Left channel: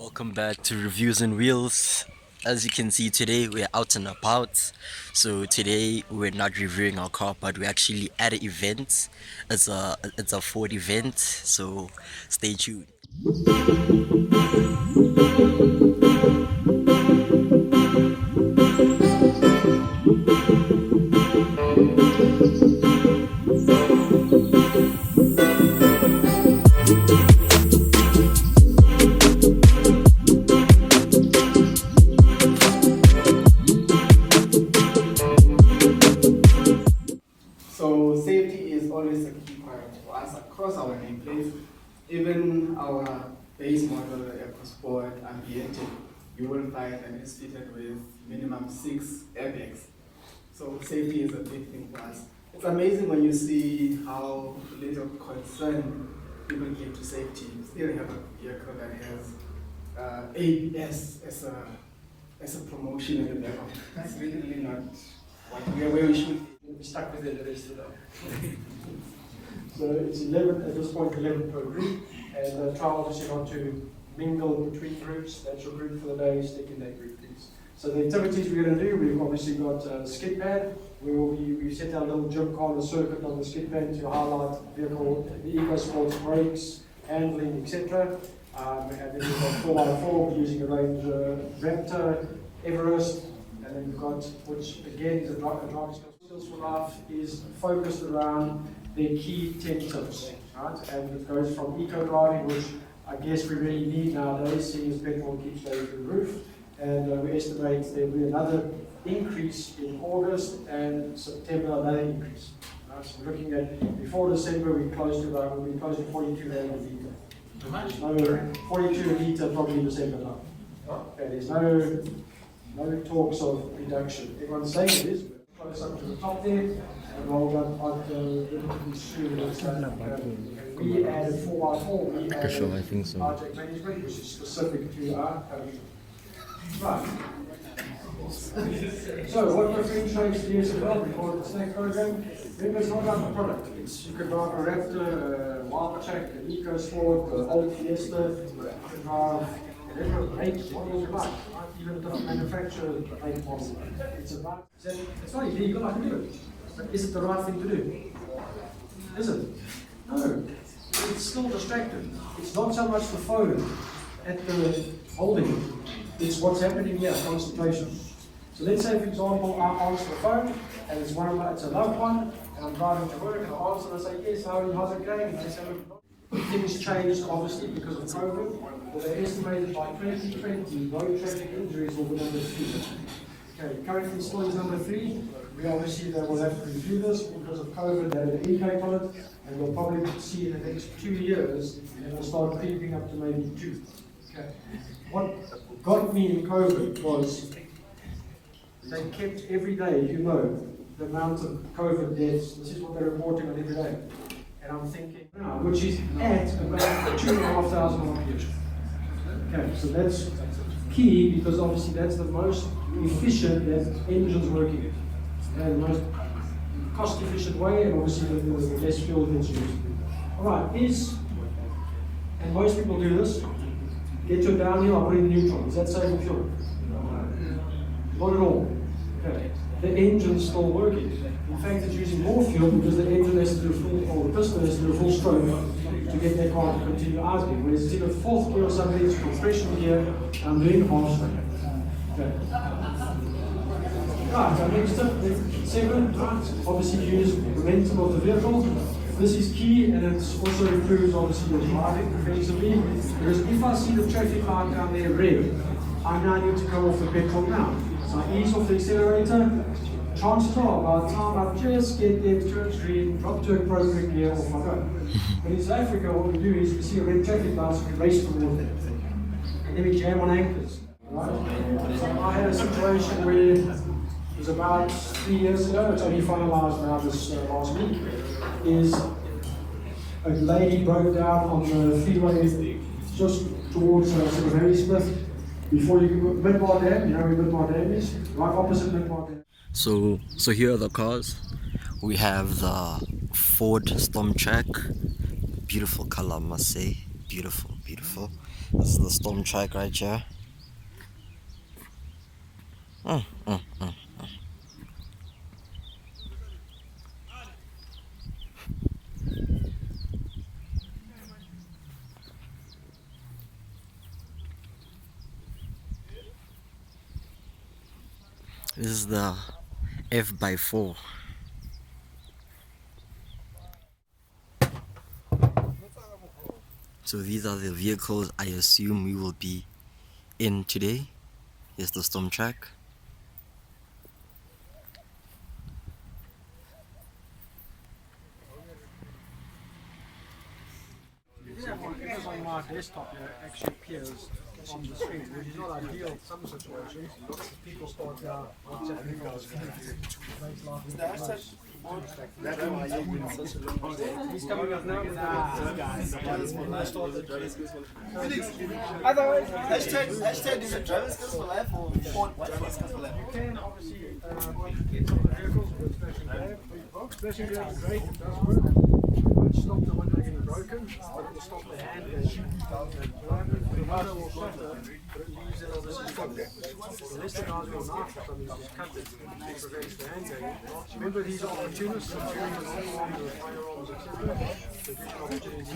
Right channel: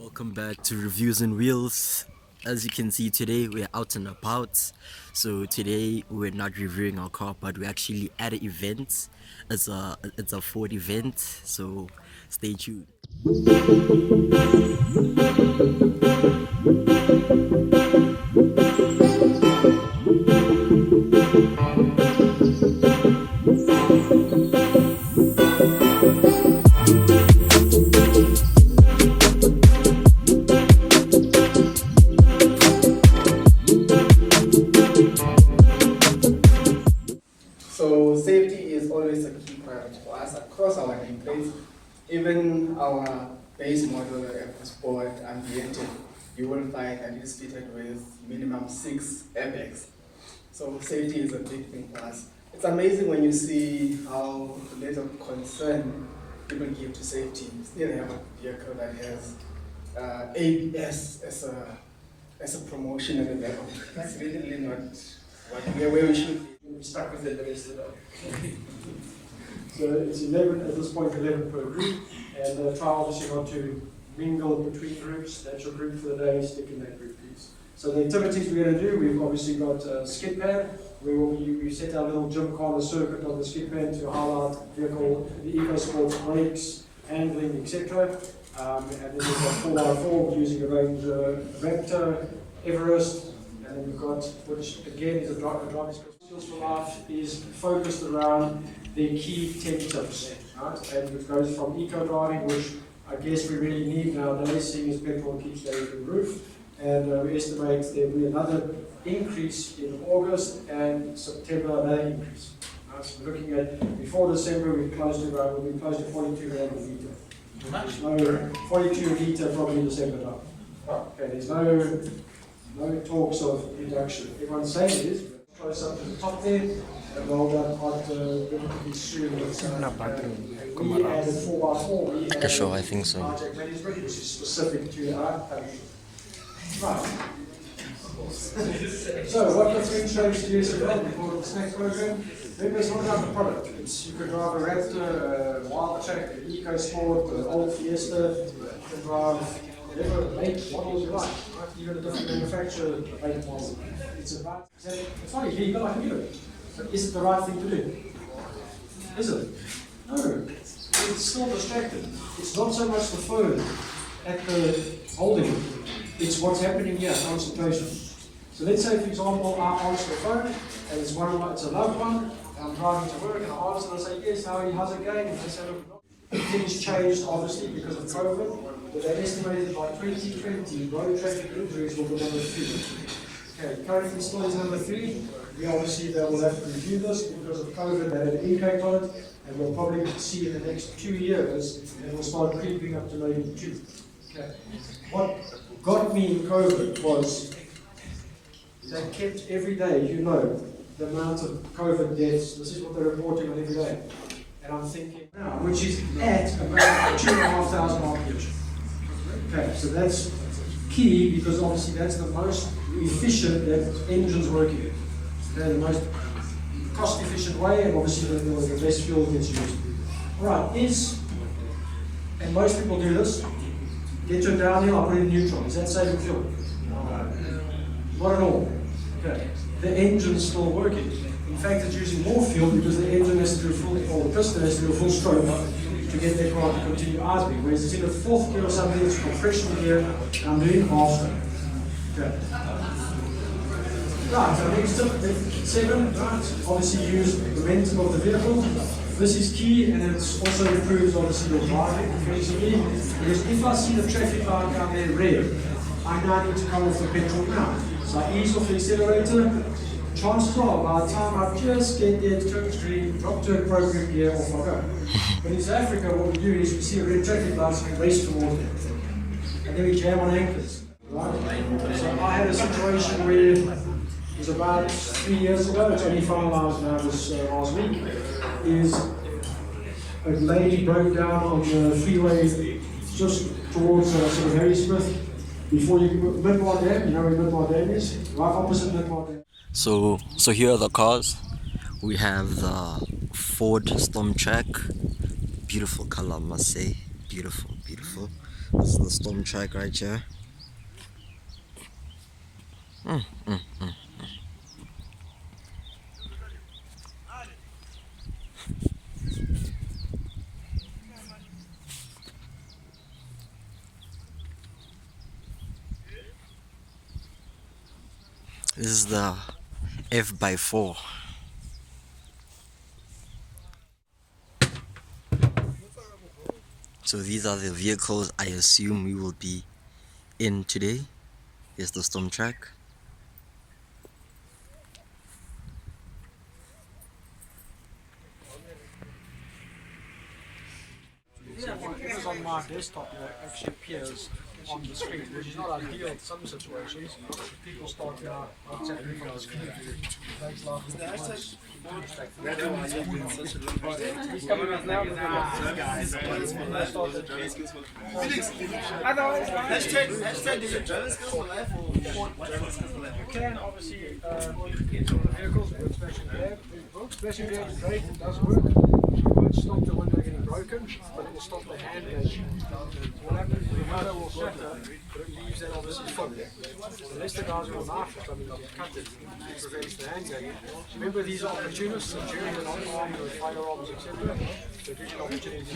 Welcome back to Reviews and Wheels. As you can see today, we're out and about. So today we're not reviewing our car, but we're actually at an event. It's a Ford event, so stay tuned. So safety is always a key priority for us across our nameplates. Even our base model EcoSport Ambiente, you will find and is fitted with minimum 6 airbags. So safety is a big thing for us. It's amazing when you see how little concern people give to safety. You still have a vehicle that has ABS as a promotion at the level. That's really not where we should be. We'll be stuck with it the rest of the day. So it's 11, at this point 11 per group, and try obviously not to mingle between groups. That's your group for the day, stick in that group please. So the activities we're going to do, we've obviously got Skidpad. We've set our little gym corner circuit on the Skidpad to highlight vehicle, the EcoSports brakes, handling, etc. And then we've got 4x4 using a range Raptor, Everest, and then we've got, which again is a driving skills for life, is focused around the key 10 tips, right? And it goes from eco driving, which I guess we really need nowadays, seeing as petrol keeps going through the roof. And we estimate there will be another increase in August and September, another increase. Right? So we're looking at, before December, we'll be close to 42 rand a litre. Too much? No, 42 a litre probably in December time. Okay, there's no talks of reduction. Everyone's saying it is, but close up to the top there, and rolled up at relatively soon. We added 4x4, we added Sure, I think so. Hijack management, which is specific to our right. So what differentiates GSFL before the snack program? Remember, it's not about the product. You could drive a Raptor, a Wild Track, an EcoSport, an old Fiesta, you can drive whatever make model you like, right? Even a different manufacturer make model. It's about, it's not easy, you've got to do it. But is it the right thing to do? Is it? No. It's still distracted. It's not so much the phone at the holding, it's what's happening here, concentration. So let's say, for example, I answer the phone, and it's it's a loved one, and I'm driving to work, and I answer and I say, yes, how's it going? And they say, look, things changed obviously because of COVID, but they estimated by 2020, road traffic injuries will be number 3. Okay, currently still is number 3. We obviously they will have to review this because of COVID, that had an impact on it, and we'll probably see in the next 2 years, it will start creeping up to maybe 2. Okay. What got me in COVID was they kept every day, the amount of COVID deaths. This is what they're reporting on every day. And I'm thinking, which is at about 2,500 RPM. Okay, so that's key because obviously that's the most efficient that engines working. They're the most cost efficient way, and obviously the less fuel gets used. Alright, and most people do this, get your downhill, I put it in neutral. Is that saving fuel? Not at all. Okay. The engine's still working. In fact, it's using more fuel because the engine has to do a full, or the piston has to do a full stroke to get the car to continue idling. Whereas it's in a fourth gear or something, it's compression gear, and I'm doing half stroke. Okay. Right, so next tip, 7, right, obviously use the momentum of the vehicle. This is key, and it also improves obviously your driving defensively. Because if I see the traffic light down there red, I now need to come off the petrol now. So I ease off the accelerator. Chances are, by the time I just get there to turn green, drop to appropriate gear, off I go. But in South Africa, what we do is we see a red traffic light, so we race towards it. And then we jam on anchors. Right? So I had a situation where it was about 3 years ago, it's only finalized now this last week, is a lady broke down on the freeway just towards sort of Harrismith, before you Midmar Dam, you know where Midmar Dam is? Right opposite Midmar Dam. So here are the cars. We have the Ford Storm Track. Beautiful color, I must say. Beautiful. This is the storm track right here. This is the F/4. So these are the vehicles I assume we will be in today. Here's the storm track. It was on my desktop, actually appears on the screen, which is not ideal in some situations. People start now WhatsApp emails. Makes life worse. He's coming with now. Guys. Hashtag is it driver skills for life or driver skills for life? You can obviously get on the vehicles with Splashing Grab. Splashing Grab is great, it does work. It won't stop the window getting broken, but it will stop the hand gauge. What happens is the window will shatter, but it leaves that obviously full. Unless the guy's got a knife or something, just cut it, it prevents the hand gauge. Remember, these are opportunists, and during the non-armed with firearms, etc. So it gives you an opportunity to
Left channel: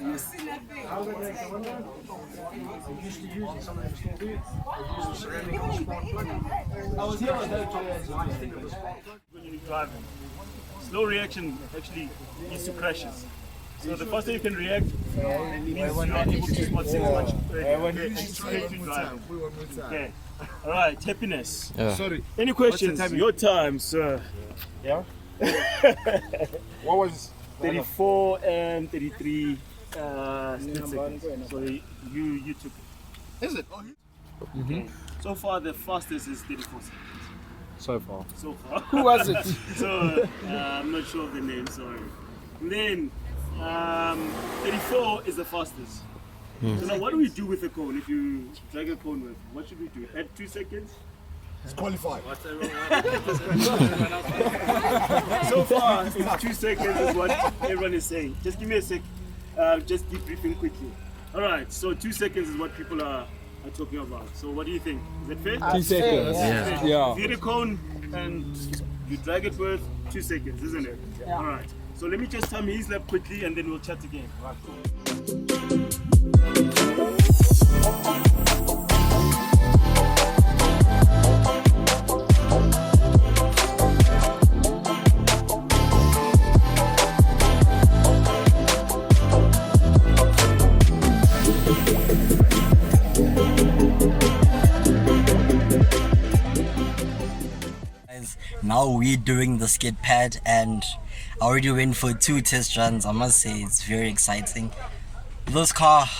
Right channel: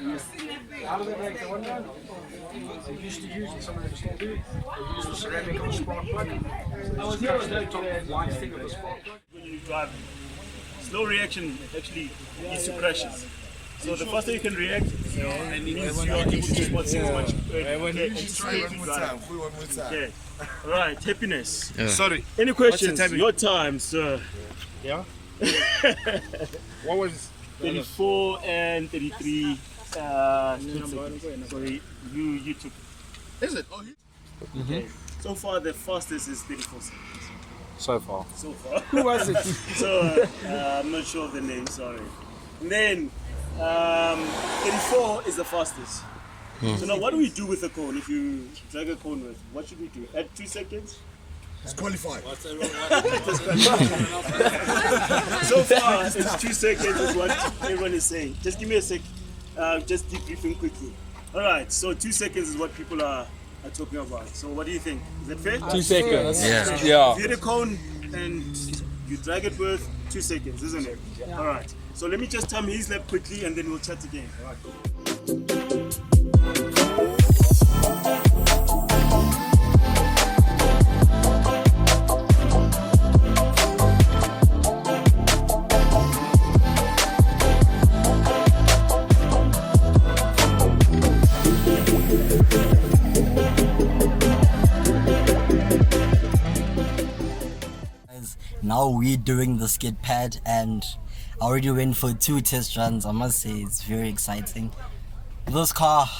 use it. How do they break the window? They used to use it, some of them still do. They use the ceramic on spark plug. I was here on the top white thing of the spark plug. When you're driving, slow reaction actually leads to crashes. So the faster you can react, means you are able to spot things much earlier. Okay, anticipate to drive. Okay, all right, happiness. Yeah. Sorry. Any questions? Your time, sir. Yeah. What was 34 and 33 seconds. So you took it. Is it? Oh, Okay. So far the fastest is 34 seconds. so far. So far. Who was it? So I'm not sure of the name, sorry. And then 34 is the fastest. So now what do we do with a cone? If you drag a cone with, what should we do? Add 2 seconds? It's qualified. So far it's 2 seconds is what everyone is saying. Just give me a sec, just debriefing quickly. Alright, so 2 seconds is what people are talking about. So what do you think? Is that fair? 2 seconds. Yeah. Yeah. If you hit a cone and you drag it with 2 seconds, isn't it? Yeah. Alright, so let me just time his lap quickly and then we'll chat again. Alright, cool. Now we're doing the Skidpad, and I already went for 2 test runs. I must say it's very exciting. This car,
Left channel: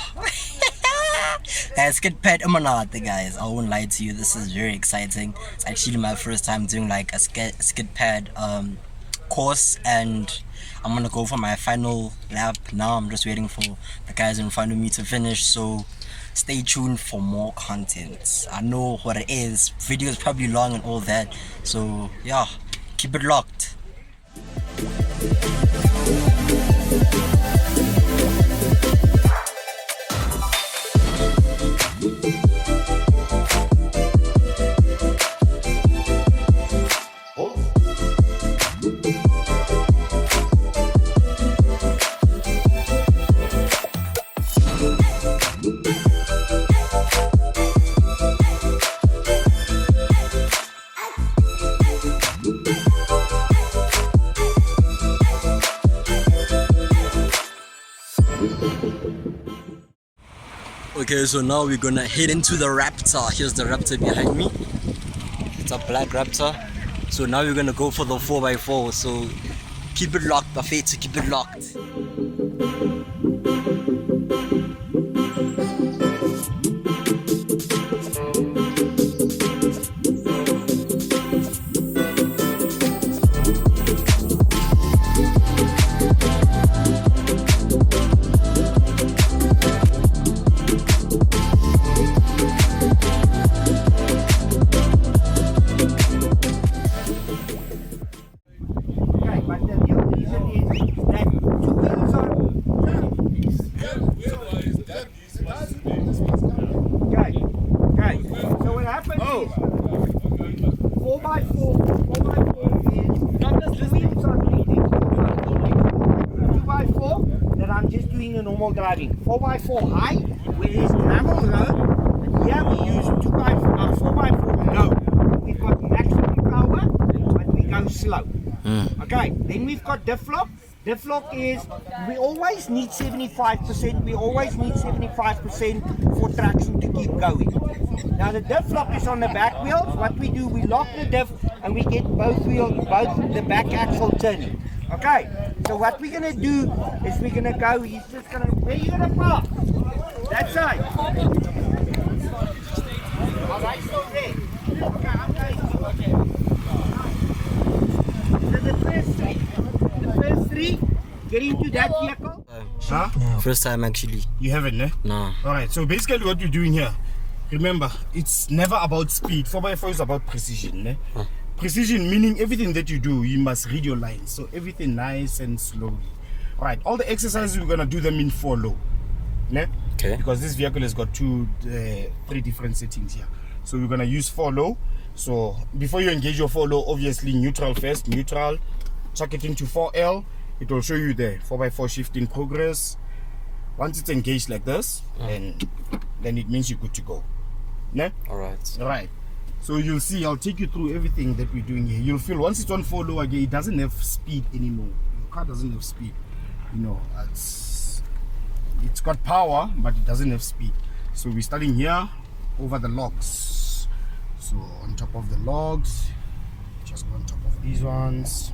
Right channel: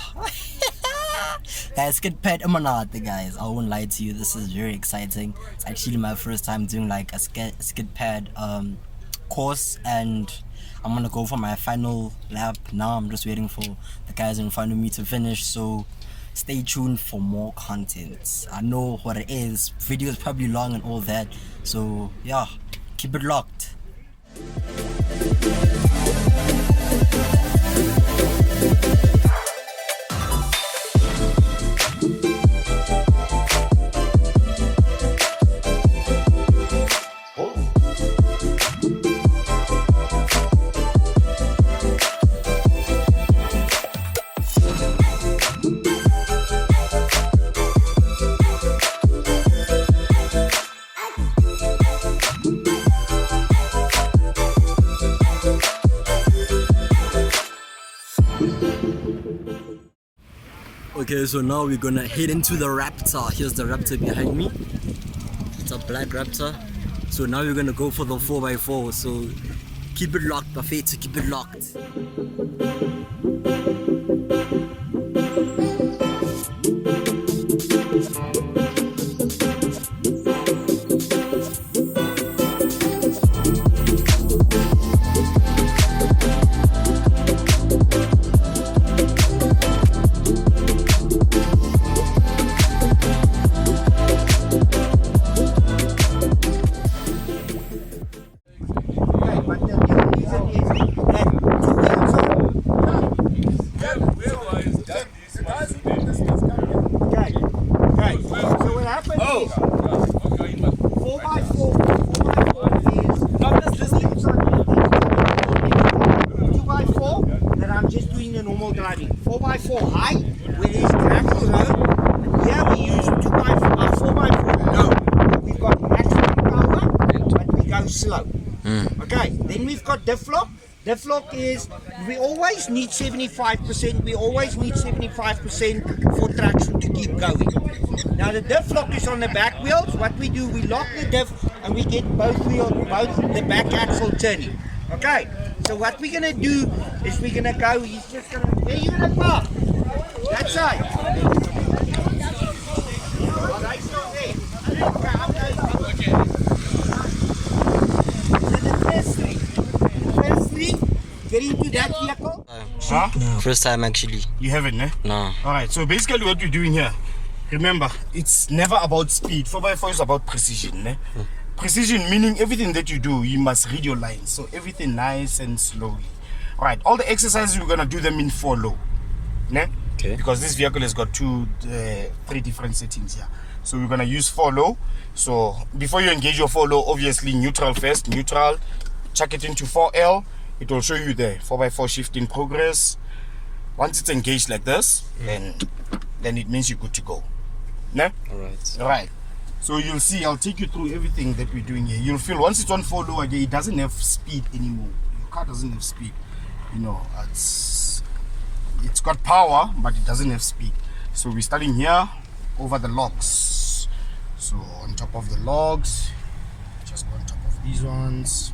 guys, Skidpad Imanate, guys. I won't lie to you. This is very exciting. It's actually my first time doing like a Skidpad course, and I'm gonna go for my final lap now. I'm just waiting for the guys in front of me to finish. So stay tuned for more content. I know what it is. Video is probably long and all that. So yeah, keep it locked. Okay, so now we're gonna head into the Raptor. Here's the Raptor behind me. It's a black Raptor. So now we're gonna go for the 4x4. So keep it locked, buffet, to keep it locked. Okay. So what happens is 4x4 is wheels on 2x4 that I'm just doing a normal driving. 4x4 high, where there's gravel road. Here we use 4x4 low. We've got maximum power, but we go slow. Okay, then we've got diff lock. Diff lock is, we always need 75%, we always need 75% for traction to keep going. Now the diff lock is on the back wheels. What we do, we lock the diff and we get both the back axle turning. Okay, so what we're gonna do is we're gonna go, he's just gonna, where are you gonna park? That side. Oh, right, still there. Okay, I'm going. Get into that vehicle? Huh? First time actually. You haven't, eh? No. Alright, so basically what we're doing here, remember, it's never about speed. 4x4 is about precision, eh? Precision meaning everything that you do, you must read your lines. So everything nice and slowly. Alright, all the exercises we're gonna do them in 4 low. Ne? Okay. Because this vehicle has got 3 different settings here. So we're gonna use 4 low. So before you engage your 4 low, obviously neutral first, neutral, chuck it into 4L. It will show you the 4x4 shift in progress. Once it's engaged like this, then it means you're good to go. Ne? Alright. So you'll see, I'll take you through everything that we're doing here. You'll feel once it's on 4 low again, it doesn't have speed anymore. Your car doesn't have speed. You know, it's got power, but it doesn't have speed. So we're starting here over the logs. So on top of the logs, just on top of these ones.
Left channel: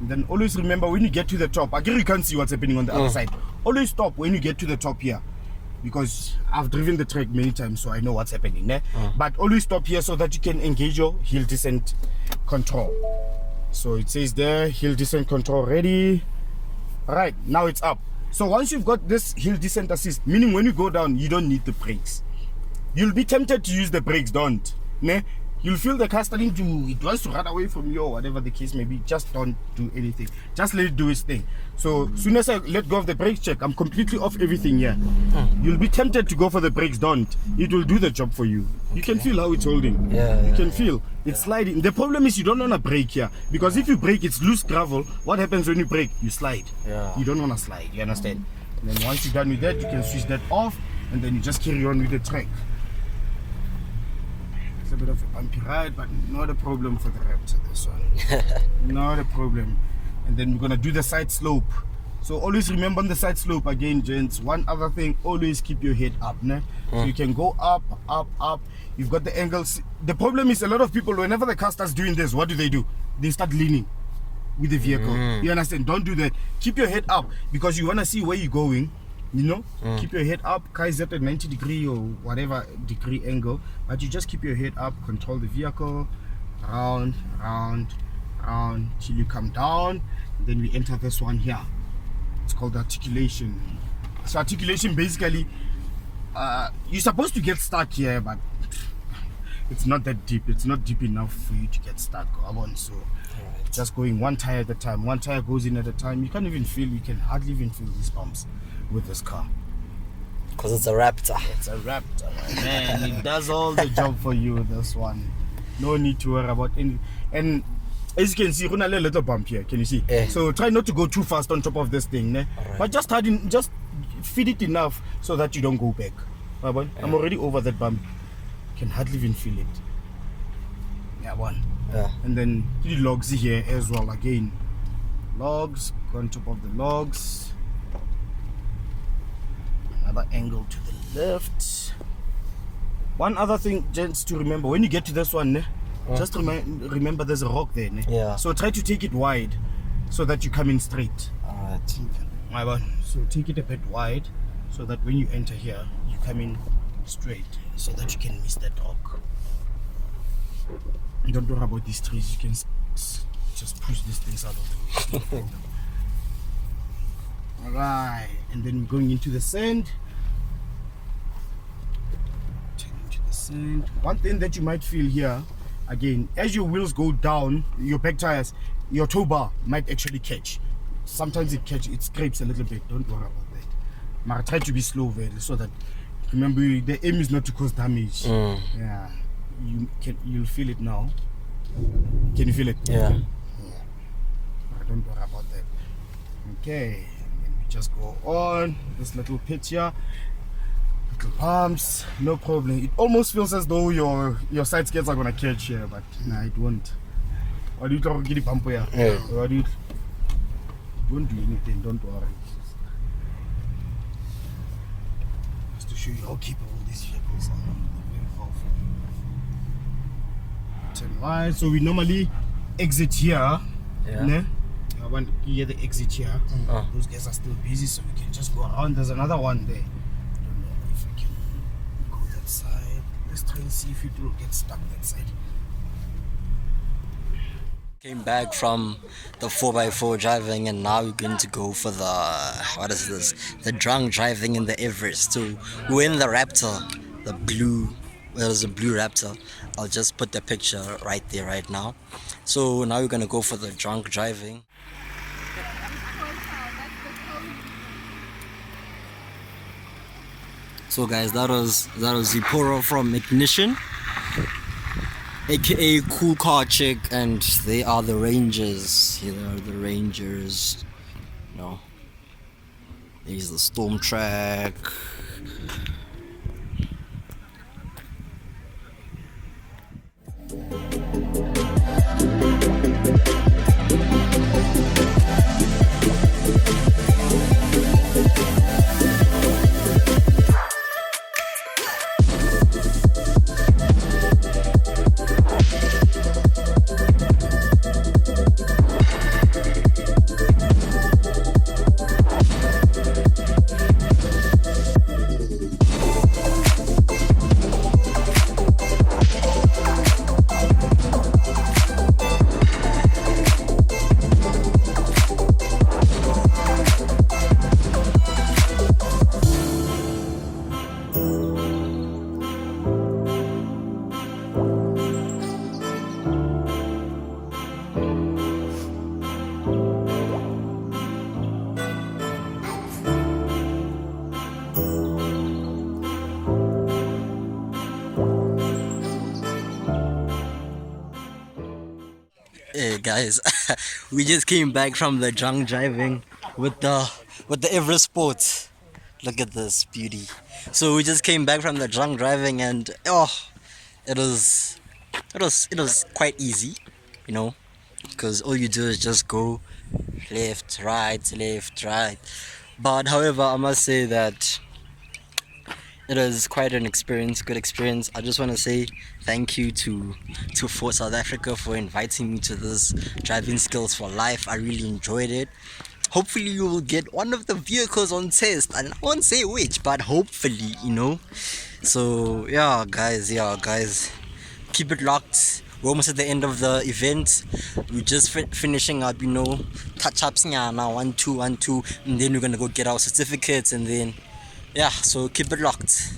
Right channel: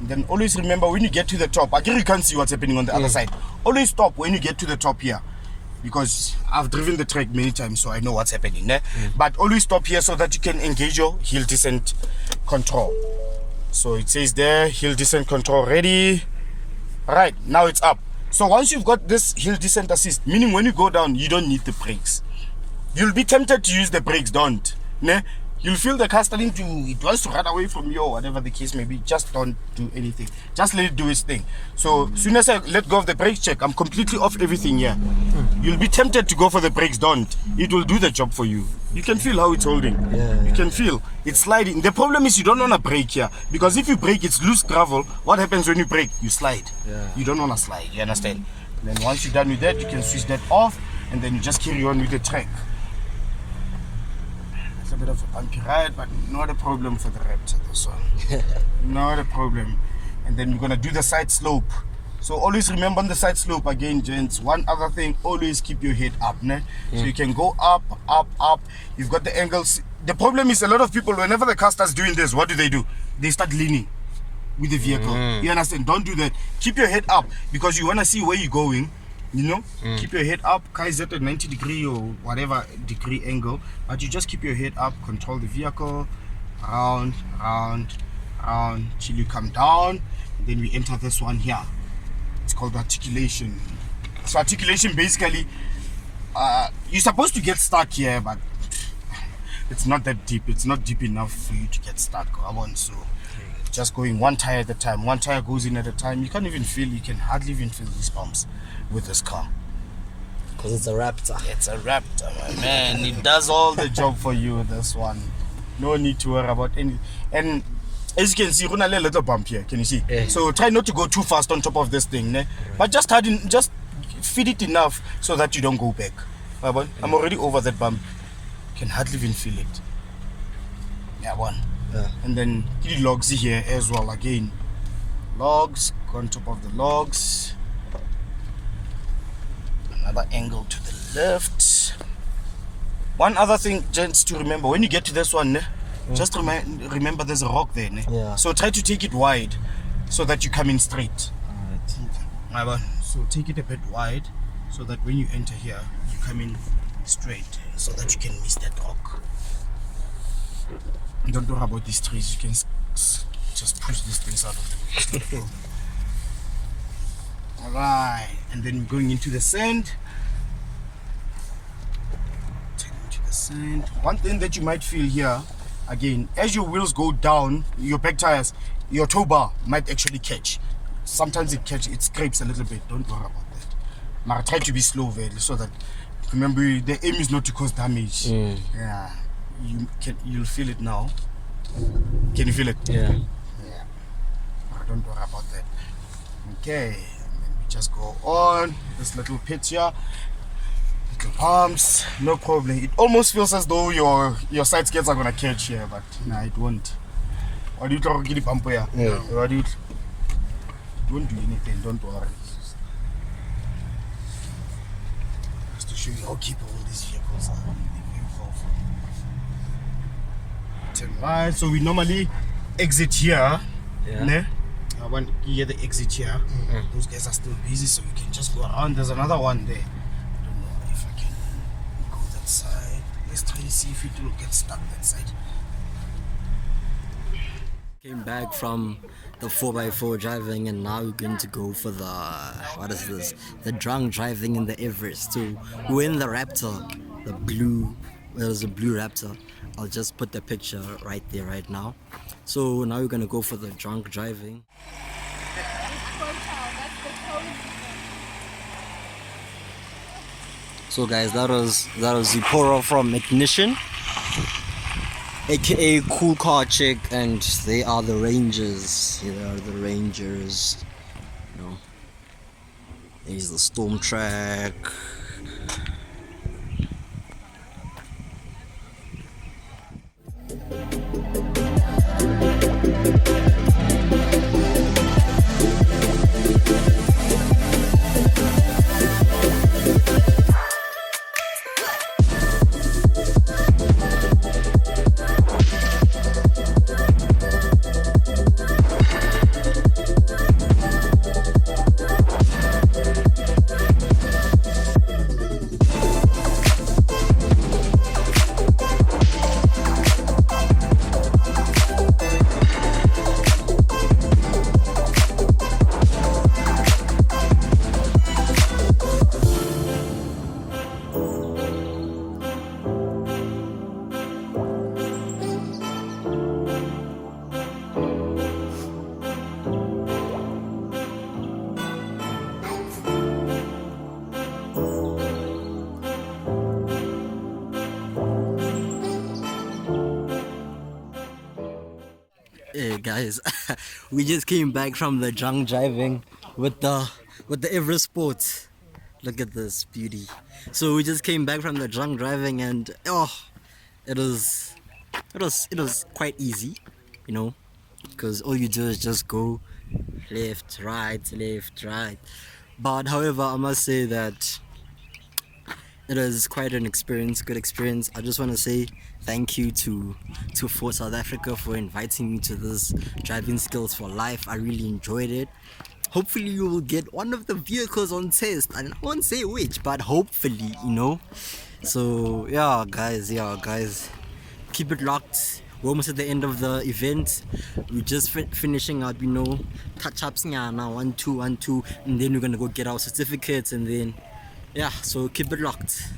And then always remember when you get to the top, again you can't see what's happening on the other side. Always stop when you get to the top here, because I've driven the track many times, so I know what's happening there. But always stop here so that you can engage your hill descent control. So it says there, hill descent control ready. Right, now it's up. So once you've got this hill descent assist, meaning when you go down, you don't need the brakes. You'll be tempted to use the brakes, don't. Ne? You'll feel the car starting to, it wants to run away from you or whatever the case may be. Just don't do anything. Just let it do its thing. So as soon as I let go of the brake check, I'm completely off everything here. You'll be tempted to go for the brakes, don't. It will do the job for you. You can feel how it's holding. You can feel it's sliding. The problem is you don't want to brake here, because if you brake, it's loose gravel. What happens when you brake? You slide. You don't want to slide, you understand? And then once you're done with that, you can switch that off, and then you just carry on with the track. It's a bit of a bumpy ride, but not a problem for the Raptor, this one. Not a problem. And then we're gonna do the side slope. So always remember on the side slope again, gents, one other thing, always keep your head up, ne? So you can go up, up, up. You've got the angles. The problem is a lot of people, whenever the car starts doing this, what do? They start leaning with the vehicle. You understand? Don't do that. Keep your head up, because you wanna see where you're going. You know, keep your head up. Car is at a 90 degree or whatever degree angle, but you just keep your head up, control the vehicle, round, round, round, till you come down. Then we enter this one here. It's called articulation. So articulation, basically, you're supposed to get stuck here, but it's not that deep. It's not deep enough for you to get stuck. So just going one tire at a time. One tire goes in at a time. You can't even feel, you can hardly even feel these bumps with this car. Because it's a Raptor. It's a Raptor, my man. It does all the job for you, this one. No need to worry about any. And as you can see, we're a little bump here. Can you see? So try not to go too fast on top of this thing, ne? But just feed it enough so that you don't go back. I'm already over that bump. Can hardly even feel it. And then the logs here as well. Again, logs, go on top of the logs. Another angle to the left. One other thing, gents, to remember, when you get to this one, ne? Just remember there's a rock there. Ne? So try to take it wide so that you come in straight. So take it a bit wide so that when you enter here, you come in straight so that you can miss that rock. Don't worry about these trees, you can just push these things up. Alright, and then we're going into the sand. One thing that you might feel here again, as your wheels go down, your back tires, your tow bar might actually catch. Sometimes it scrapes a little bit. Don't worry about that. But try to be slow, very, so that, remember, the aim is not to cause damage. Yeah, you'll feel it now. Can you feel it? Yeah. Don't worry about that. Okay, and then we just go on this little pitch here, little palms, no problem. It almost feels as though your side skates are gonna catch here, but nah, it won't. What do you talk about the bumper here? Yeah. What do you? It won't do anything. Don't worry. Just to show you how capable these vehicles are. They're very powerful. Right, so we normally exit here. Yeah. Ne? I want to hear the exit here. Those guys are still busy, so we can just go around. There's another one there. I don't know if I can go that side. Let's try to see if it will get stuck that side. Came back from the 4x4 driving, and now we're going to go for the, what is this? The drunk driving in the Everest. So we're in the Raptor, the blue, well, there's a blue Raptor. I'll just put the picture right there right now. So now we're gonna go for the drunk driving. So guys, that was Zipporah from Ignition, aka Cool Car Chick, and they are the Rangers. Here they are, the Rangers. You know, there's the Storm Track. Hey guys, we just came back from the drunk driving with the Everest Sports. Look at this beauty. So we just came back from the drunk driving, and it was quite easy, you know, because all you do is just go left, right. But however, I must say that it was quite an experience, good experience. I just want to say thank you to Ford South Africa for inviting me to this driving skills for life. I really enjoyed it. Hopefully you will get one of the vehicles on test, and I won't say which, but hopefully, you know. So yeah guys, keep it locked. We're almost at the end of the event. We're just finishing up, you know, touch-ups now, 1, 2, and then we're gonna go get our certificates, and then yeah, so keep it locked.